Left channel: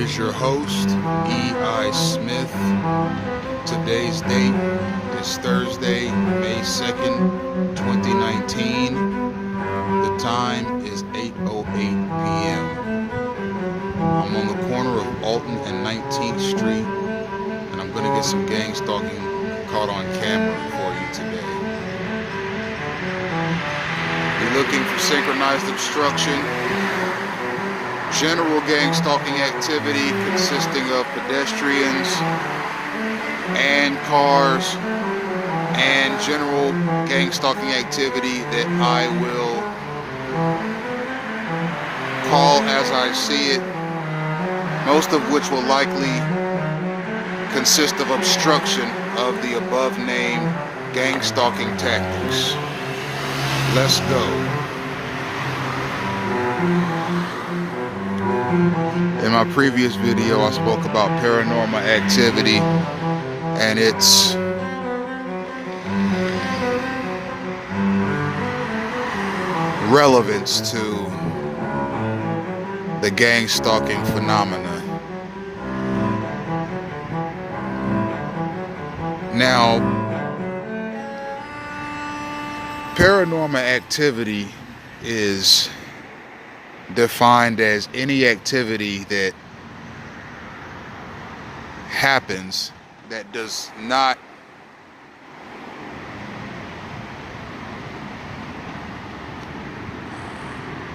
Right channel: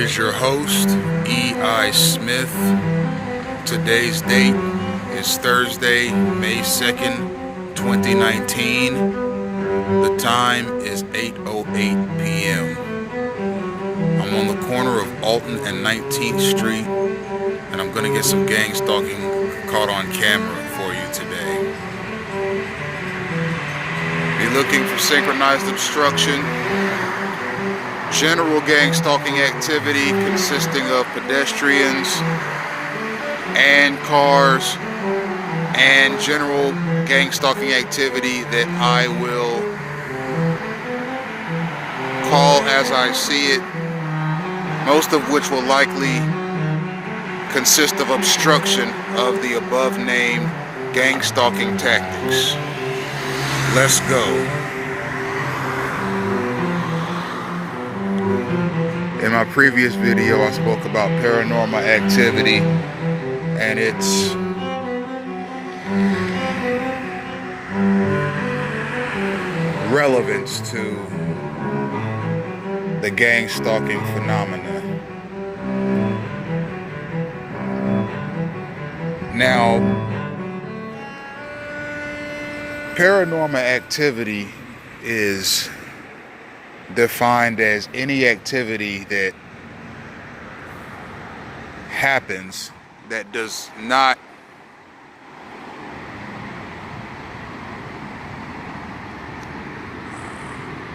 is your host, E.I. Smith. Today's date is Thursday, May 2nd, 2019. The time is 8:08 p.m. I'm on the corner of Alton and 19th Street, and I'm going to get some gang stalking caught on camera for you today. You're looking for synchronized obstruction, general gang stalking activity consisting of pedestrians and cars, and general gang stalking activity that I will call as I see it, most of which will likely consist of obstruction of the above named gang stalking tactics. Let's go. In my previous video, I spoke about paranormal activity and its relevance to the gang stalking phenomena. Now, paranormal activity is defined as any activity that happens that does not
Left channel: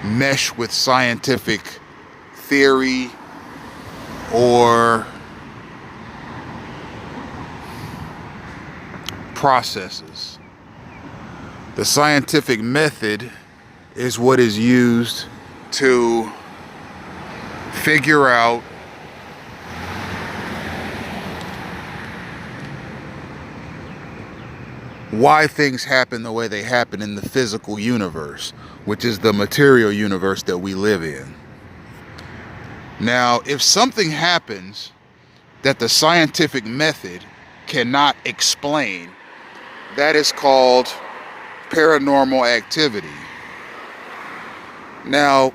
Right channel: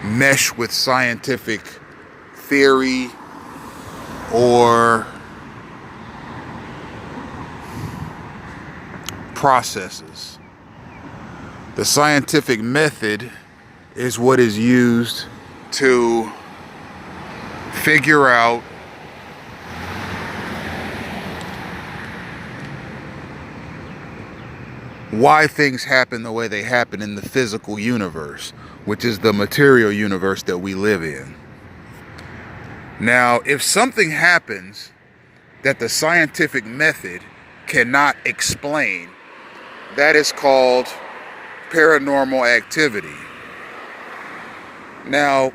mesh with scientific theory or processes. The scientific method is what is used to figure out why things happen the way they happen in the physical universe, which is the material universe that we live in. Now, if something happens that the scientific method cannot explain, that is called paranormal activity. Now,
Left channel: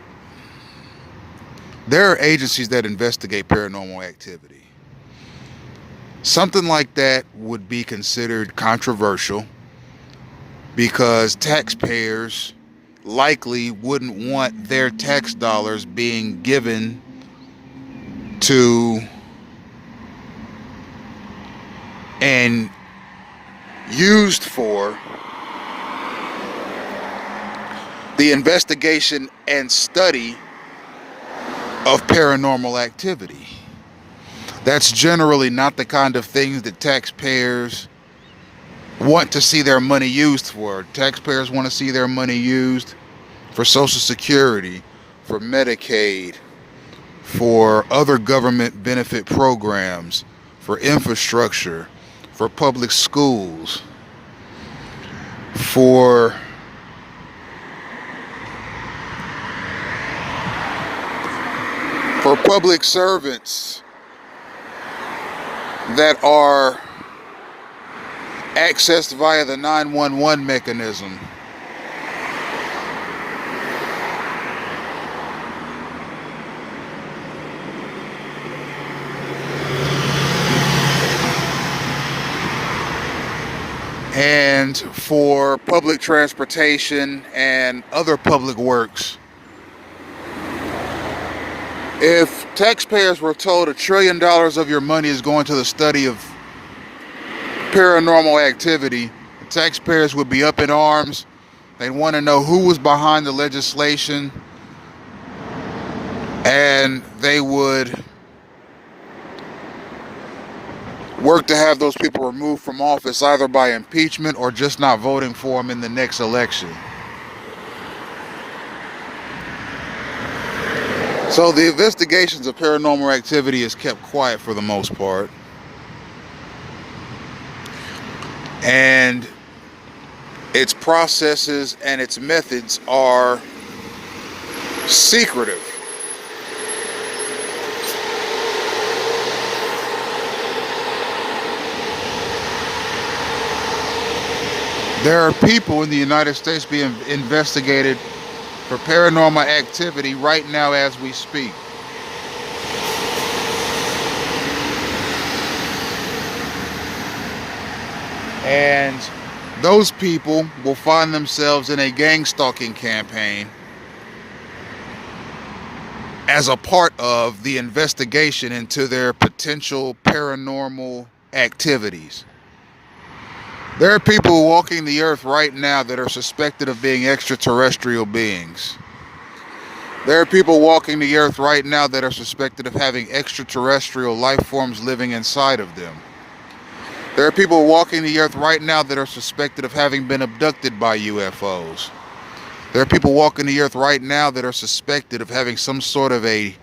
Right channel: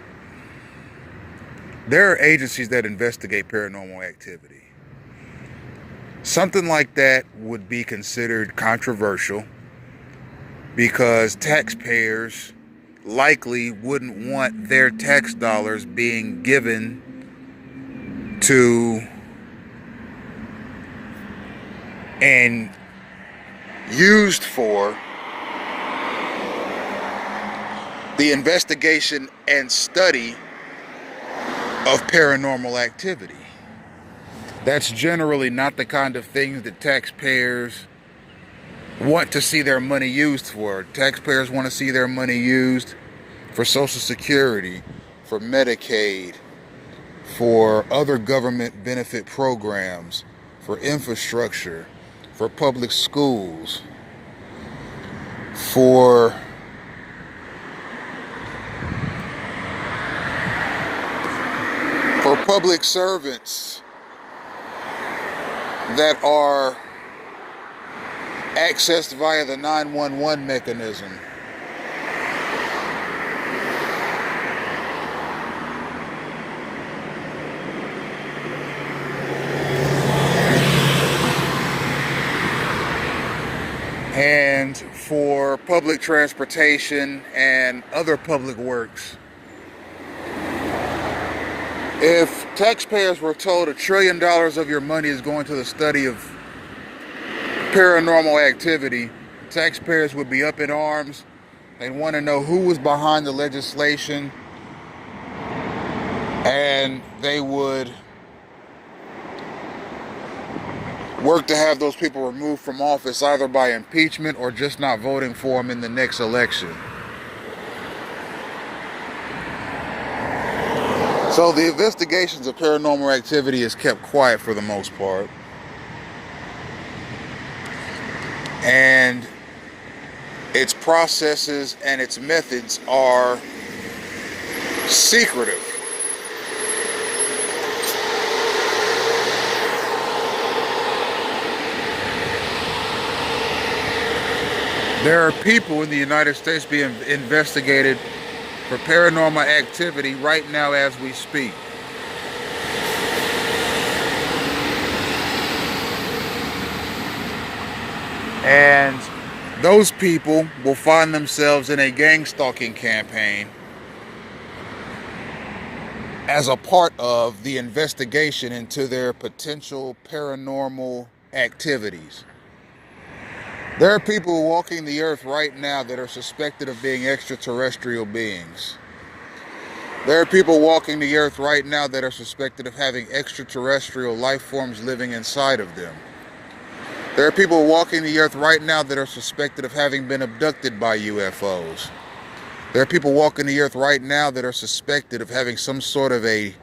there are agencies that investigate paranormal activity. Something like that would be considered controversial because taxpayers likely wouldn't want their tax dollars being given to and used for the investigation and study of paranormal activity. That's generally not the kind of things that taxpayers want to see their money used for. Taxpayers want to see their money used for Social Security, for Medicaid, for other government benefit programs, for infrastructure, for public schools, for public servants that are accessed via the 911 mechanism. And for public transportation and other public works. If taxpayers were told $1 trillion of your money is going to the study of paranormal activity, taxpayers would be up in arms. They'd want to know who was behind the legislation, and they would work to have those people removed from office either by impeachment or just not voting for them in the next election. So the investigations of paranormal activity is kept quiet for the most part. And its processes and its methods are secretive. There are people in the United States being investigated for paranormal activity right now as we speak. And those people will find themselves in a gang stalking campaign as a part of the investigation into their potential paranormal activities. There are people walking the earth right now that are suspected of being extraterrestrial beings. There are people walking the earth right now that are suspected of having extraterrestrial life forms living inside of them. There are people walking the earth right now that are suspected of having been abducted by UFOs. There are people walking the earth right now that are suspected of having some sort of a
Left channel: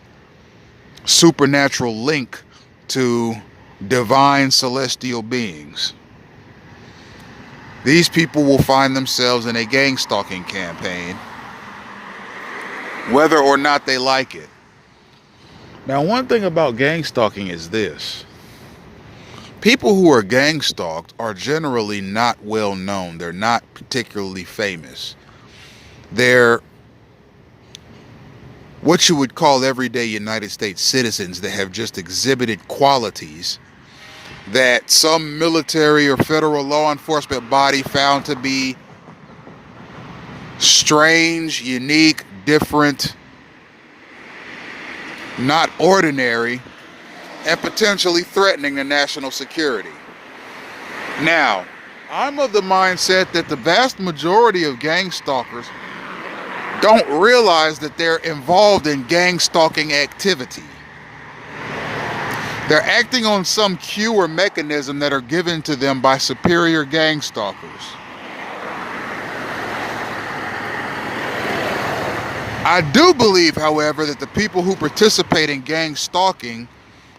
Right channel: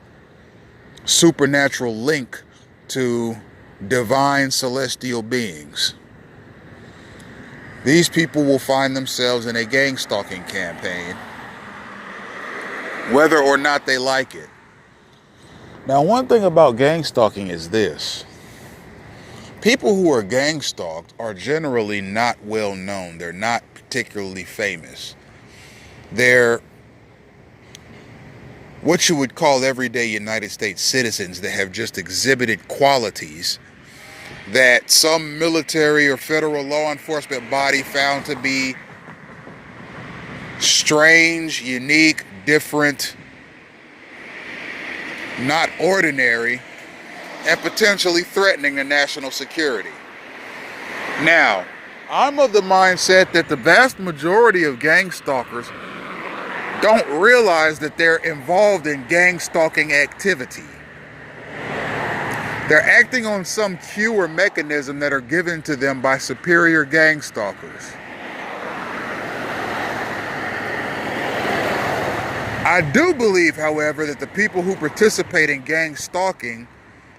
supernatural link to divine celestial beings. These people will find themselves in a gang stalking campaign, whether or not they like it. Now, one thing about gang stalking is this. People who are gang stalked are generally not well known. They're not particularly famous. They're what you would call everyday United States citizens that have just exhibited qualities that some military or federal law enforcement body found to be strange, unique, different, not ordinary, and potentially threatening to national security. Now, I'm of the mindset that the vast majority of gang stalkers don't realize that they're involved in gang stalking activity. They're acting on some cue or mechanism that are given to them by superior gang stalkers. I do believe, however, that the people who participate in gang stalking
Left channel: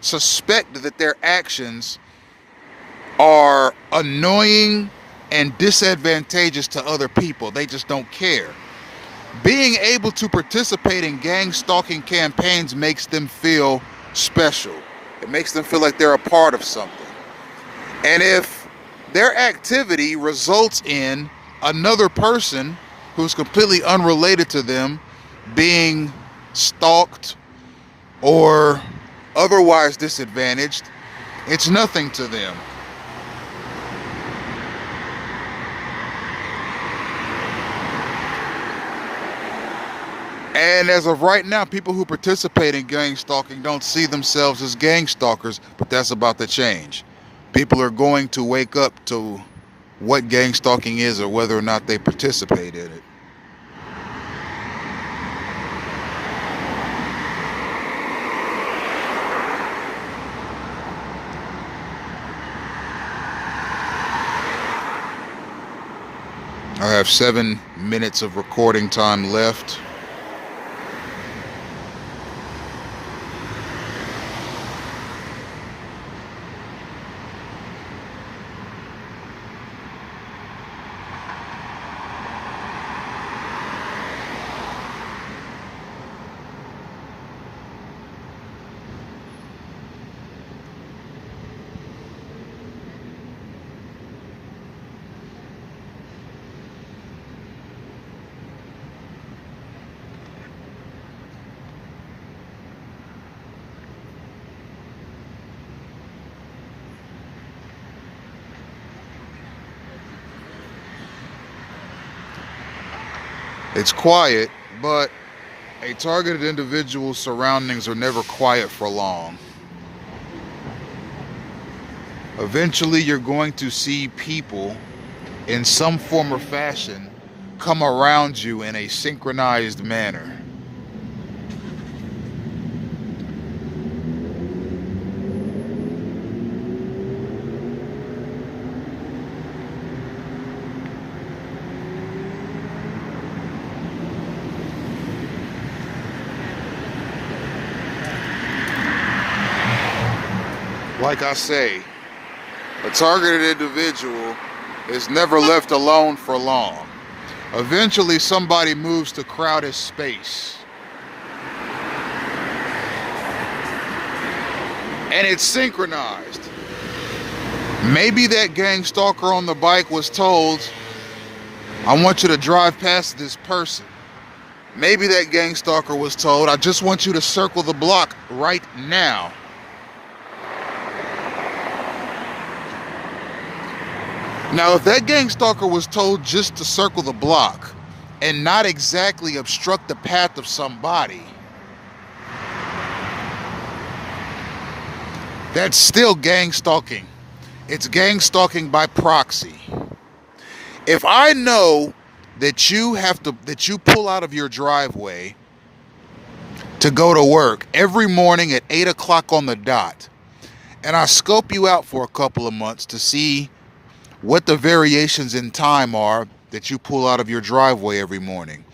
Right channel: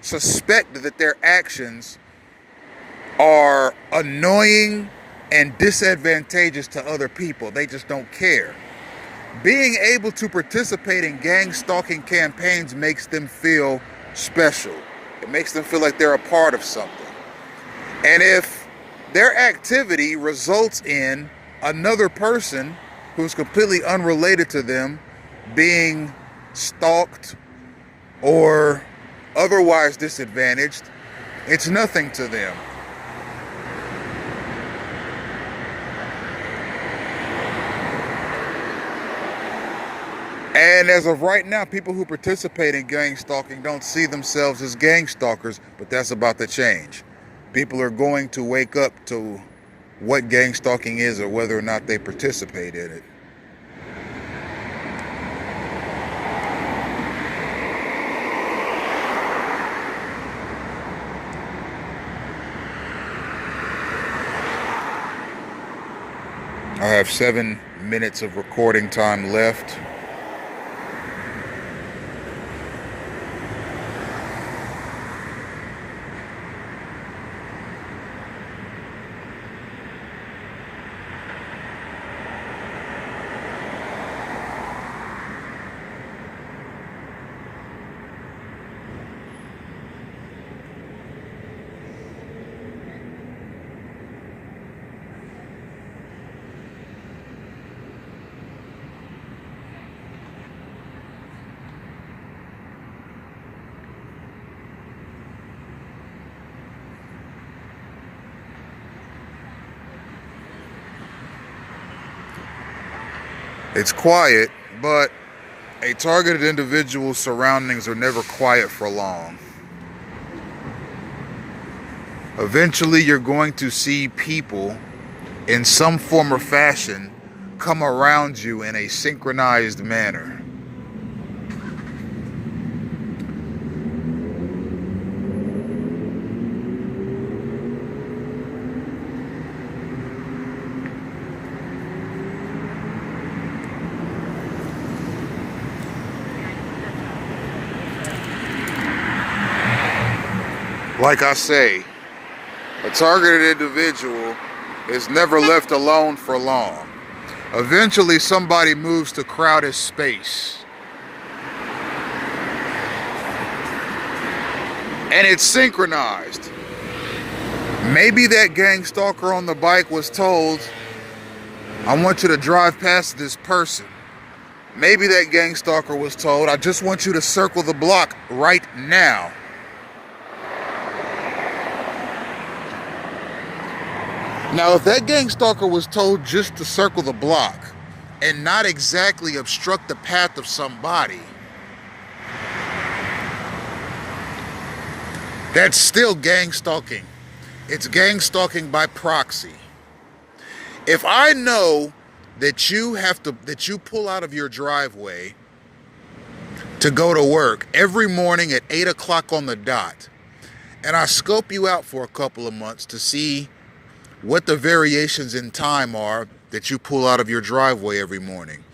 suspect that their actions are annoying and disadvantageous to other people. They just don't care. Being able to participate in gang stalking campaigns makes them feel special. It makes them feel like they're a part of something. And if their activity results in another person who's completely unrelated to them being stalked or otherwise disadvantaged, it's nothing to them. And as of right now, people who participate in gang stalking don't see themselves as gang stalkers, but that's about to change. People are going to wake up to what gang stalking is or whether or not they participate in it. I have 7 minutes of recording time left. It's quiet, but a targeted individual's surroundings are never quiet for long. Eventually, you're going to see people in some form or fashion come around you in a synchronized manner. Like I say, a targeted individual is never left alone for long. Eventually, somebody moves to crowd his space. And it's synchronized. Maybe that gang stalker on the bike was told, I want you to drive past this person. Maybe that gang stalker was told, I just want you to circle the block right now. Now, if that gang stalker was told just to circle the block and not exactly obstruct the path of somebody, that's still gang stalking. It's gang stalking by proxy. If I know that you pull out of your driveway to go to work every morning at 8 o'clock on the dot, and I scope you out for a couple of months to see what the variations in time are that you pull out of your driveway every morning.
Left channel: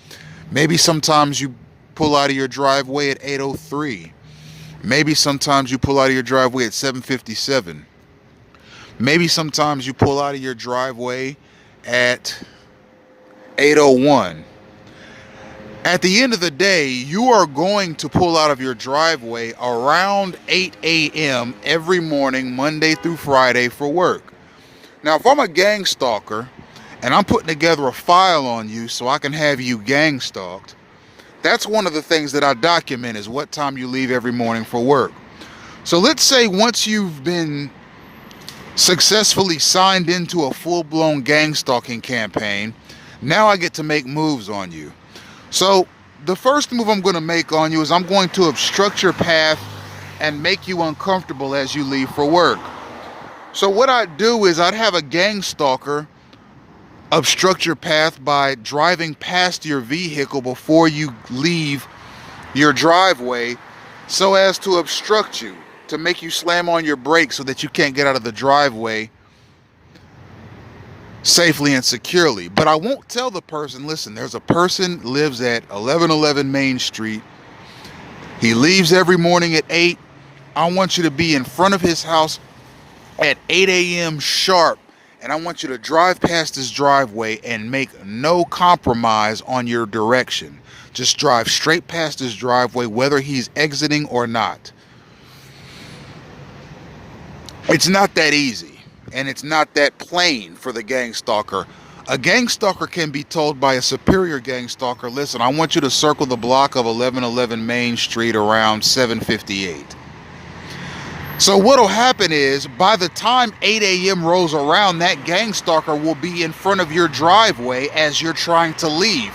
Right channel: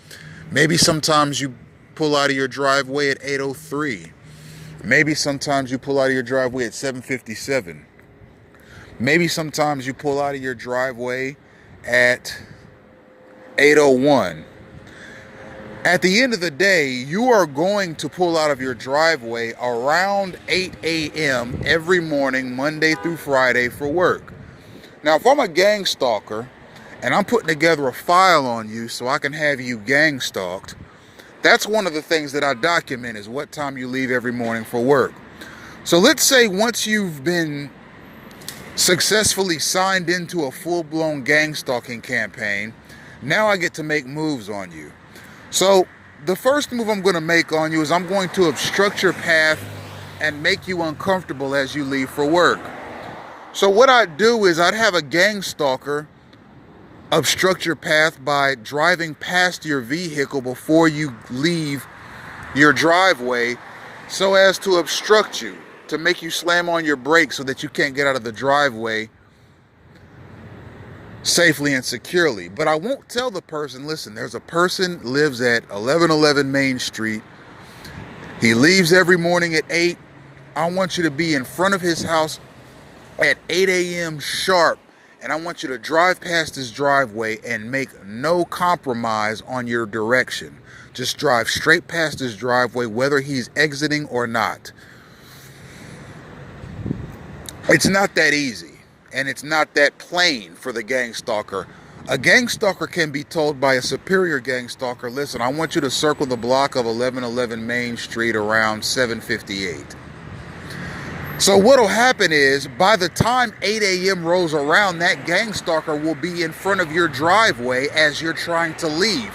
Maybe sometimes you pull out of your driveway at 8:03. Maybe sometimes you pull out of your driveway at 7:57. Maybe sometimes you pull out of your driveway at 8:01. At the end of the day, you are going to pull out of your driveway around 8 a.m. every morning, Monday through Friday, for work. Now, if I'm a gang stalker and I'm putting together a file on you so I can have you gang stalked, that's one of the things that I document, is what time you leave every morning for work. So let's say once you've been successfully signed into a full-blown gang stalking campaign, now I get to make moves on you. So the first move I'm going to make on you is I'm going to obstruct your path and make you uncomfortable as you leave for work. So what I'd do is I'd have a gang stalker obstruct your path by driving past your vehicle before you leave your driveway so as to obstruct you, to make you slam on your brakes so that you can't get out of the driveway safely and securely. But I won't tell the person, listen, there's a person lives at 1111 Main Street. He leaves every morning at 8. I want you to be in front of his house at 8 a.m. sharp. And I want you to drive past his driveway and make no compromise on your direction. Just drive straight past his driveway, whether he's exiting or not. It's not that easy. And it's not that plain for the gang stalker. A gang stalker can be told by a superior gang stalker, listen, I want you to circle the block of 1111 Main Street around 7:58. So what'll happen is, by the time 8 a.m. rolls around, that gang stalker will be in front of your driveway as you're trying to leave.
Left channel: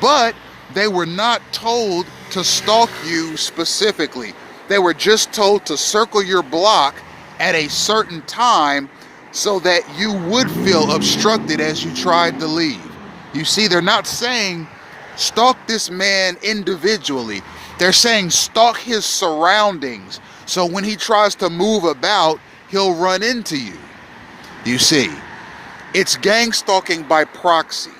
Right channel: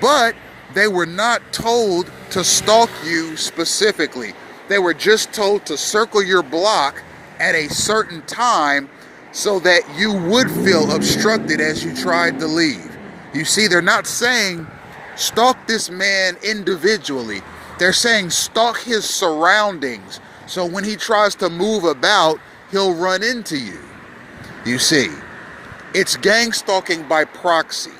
But they were not told to stalk you specifically. They were just told to circle your block at a certain time so that you would feel obstructed as you tried to leave. You see, they're not saying stalk this man individually. They're saying stalk his surroundings, so when he tries to move about, he'll run into you. You see, it's gang stalking by proxy.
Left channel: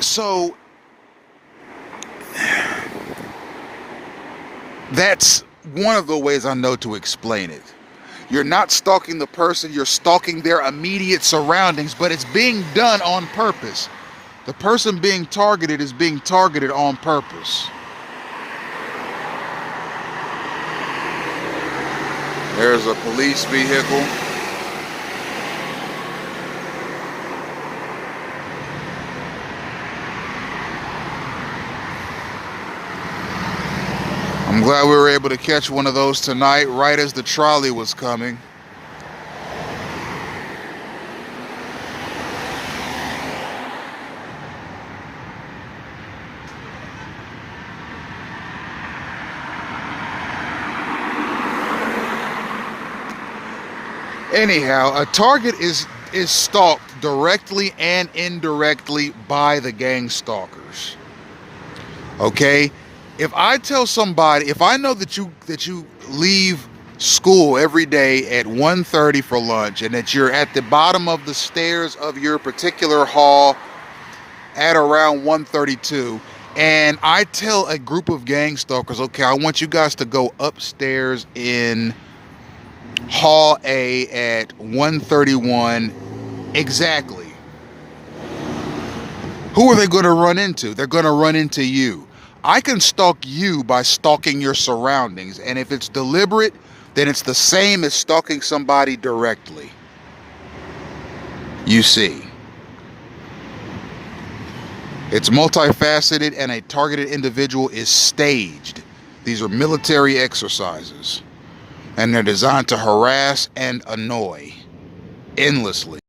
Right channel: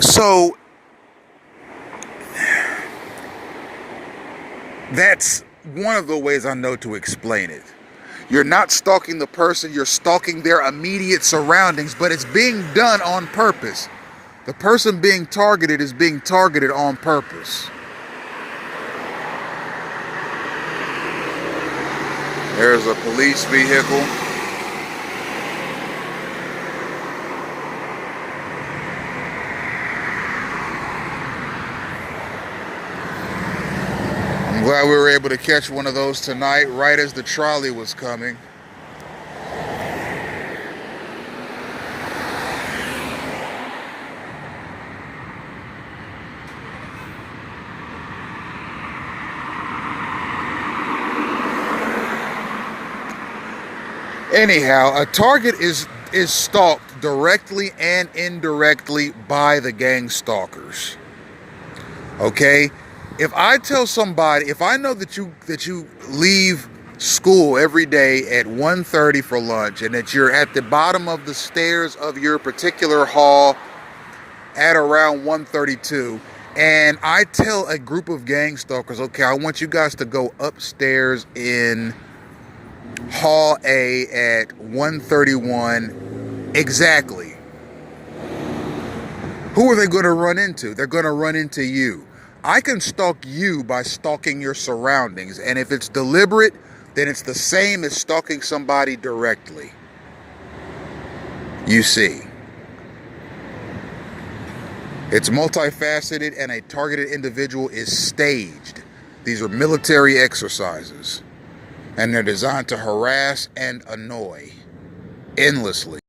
So that's one of the ways I know to explain it. You're not stalking the person, you're stalking their immediate surroundings, but it's being done on purpose. The person being targeted is being targeted on purpose. There's a police vehicle. I'm glad we were able to catch one of those tonight, right as the trolley was coming. Anyhow, a target is stalked directly and indirectly by the gang stalkers. Okay? If I tell somebody, if I know that you leave school every day at 1:30 for lunch and that you're at the bottom of the stairs of your particular hall at around 1:32, and I tell a group of gang stalkers, okay, I want you guys to go upstairs in Hall A at 1:31 exactly, who are they going to run into? They're going to run into you. I can stalk you by stalking your surroundings, and if it's deliberate, then it's the same as stalking somebody directly. You see, it's multifaceted, and a targeted individual is staged. These are military exercises, and they're designed to harass and annoy endlessly.